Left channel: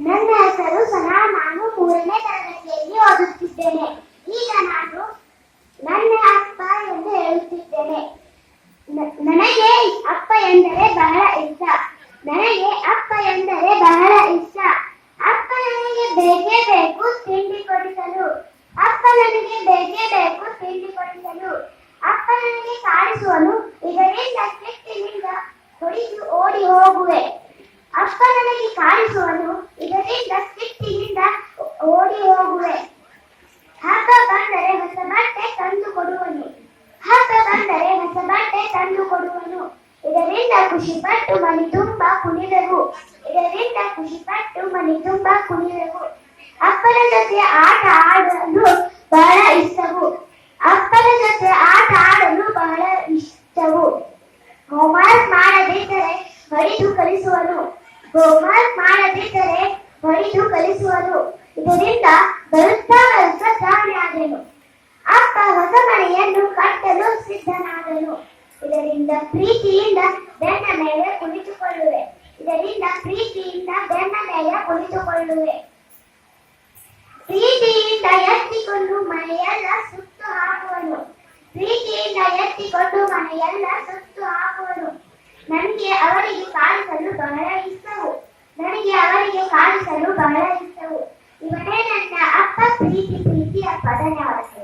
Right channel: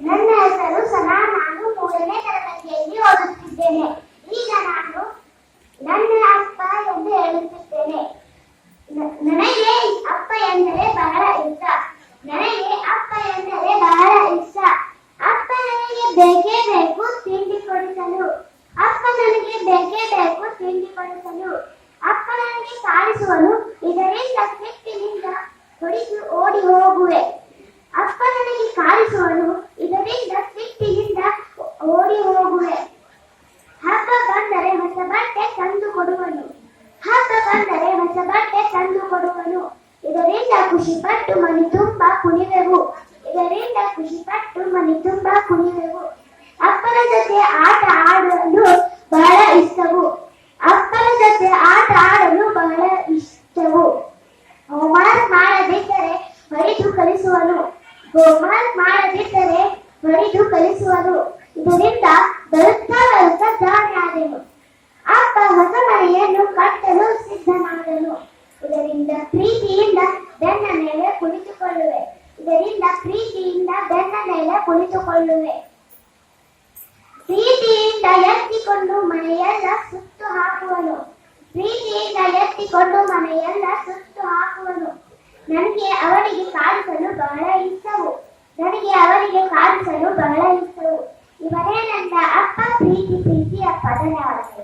ನನ್ನ ಹೆಸರು ಸನಾ. ನಾನು 3ನೇ ತರಗತಿಯಲ್ಲಿ ಓದುತ್ತಿದ್ದೇನೆ. ಈಗ ನಾನು ನನ್ನ ಅಪ್ಪ ಎಂದು ಹೇಳುತ್ತಿದ್ದೇನೆ. ನನಗೆ ಅಪ್ಪ ಎಂದರೆ ಬಹಳ ಇಷ್ಟ. ನನಗೆ ಅಪ್ಪ ಎಂದರೆ ಬಹಳ ಇಷ್ಟ. ಅಪ್ಪ ನನಗೆ ಬೇಕೇ ಬೇಕು ತಿಂಡಿ ಕೊಡಿಸಲು. ಅಪ್ಪ ನನಗೆ ಬೇಕೇ ಬೇಕು ತಿಂಡಿ ಕೊಡಿಸಲು. ಅಪ್ಪ ನನಗೆ ಕಾಡಿಸುವನು, ಇದರಿಂದ ಕೆಟ್ಟಿನಿಂದ ಹೊಡೆದು ಓಡಿ ಹೋಗುವೆ. ಅಪ್ಪ ನನಗೆ ಕಾಡಿಸುವನು, ಇದರಿಂದ ಸಿಟ್ಟಿನಿಂದ ಓಡಿ ಹೋಗುವೆ. ಹಬ್ಬ ಬಂದರೆ ಹೊಸ ಬಟ್ಟೆ ತಂದು ಕೊಡುವನು. ಹಬ್ಬ ಬಂದರೆ ಹೊಸ ಬಟ್ಟೆ ತಂದು ಕೊಡುವನು. ಇದರಿಂದ ಖುಷಿಪಟ್ಟು ಮನೆ ತುಂಬ ಕುಣಿವೆವು. ಇದರಿಂದ ಖುಷಿಪಟ್ಟು ಮನೆ ತುಂಬ ಕುಣಿವೆವು. ಅಪ್ಪನ ಜೊತೆ ಆಟ ಆಡಲು ಬಹಳ ಇಷ್ಟವು. ಅಪ್ಪನ ಜೊತೆ ಆಟ ಆಡಲು ಬಹಳ ಇಷ್ಟವು. ಹೋಮ್ವರ್ಕ್ ಮಾಡದಿದ್ದರೆ ಹೊಡೆದು ಕಲಿಸುವನು. ಹೋಮ್ವರ್ಕ್ ಮಾಡದಿದ್ದರೆ ಹೊಡೆದು ಕಲಿಸುವನು. ಇದರಿಂದ ಬರುತ್ತಾ ಬರುತ್ತಾ ಜಾಣೆ ಆದೆನು. ಅಪ್ಪ ಹೊಸ ಮನೆಯನ್ನು ಕಟ್ಟಲು ಸಿದ್ಧನಾದನು. ಇದರಿಂದ ಪ್ರೀತಿಯಿಂದ ಬೆನ್ನ ಮೇಲೆ ಕುಳಿತುಕೊಳ್ಳುವೆ. ಇದರಿಂದ ಪ್ರೀತಿಯಿಂದ ಬೆನ್ನ ಮೇಲೆ ಕುಳಿತುಕೊಳ್ಳುವೆ. ಪ್ರೀತಿಯಿಂದ ಎತ್ತಿಕೊಂಡು ಮನೆಯೆಲ್ಲ ಸುತ್ತು ಹಾಕುವನು. ಪ್ರೀತಿಯಿಂದ ಎತ್ತಿಕೊಂಡು ಮನೆಯೆಲ್ಲ ಸುತ್ತು ಹಾಕುವನು. ನನಗೆ ಅವರಿಗೆ ಕಾಡಿಸಲು ಬಹಳ ಇಷ್ಟವು. ನನಗೆ ಅವರಿಗೆ ಕಾಡಿಸಲು ಬಹಳ ಇಷ್ಟವು. ಇವನೇ ನನ್ನ ಅಪ್ಪ. ಪ್ರೀತಿ ಪ್ರೀತಿ ಅಪ್ಪ. ಧನ್ಯವಾದ.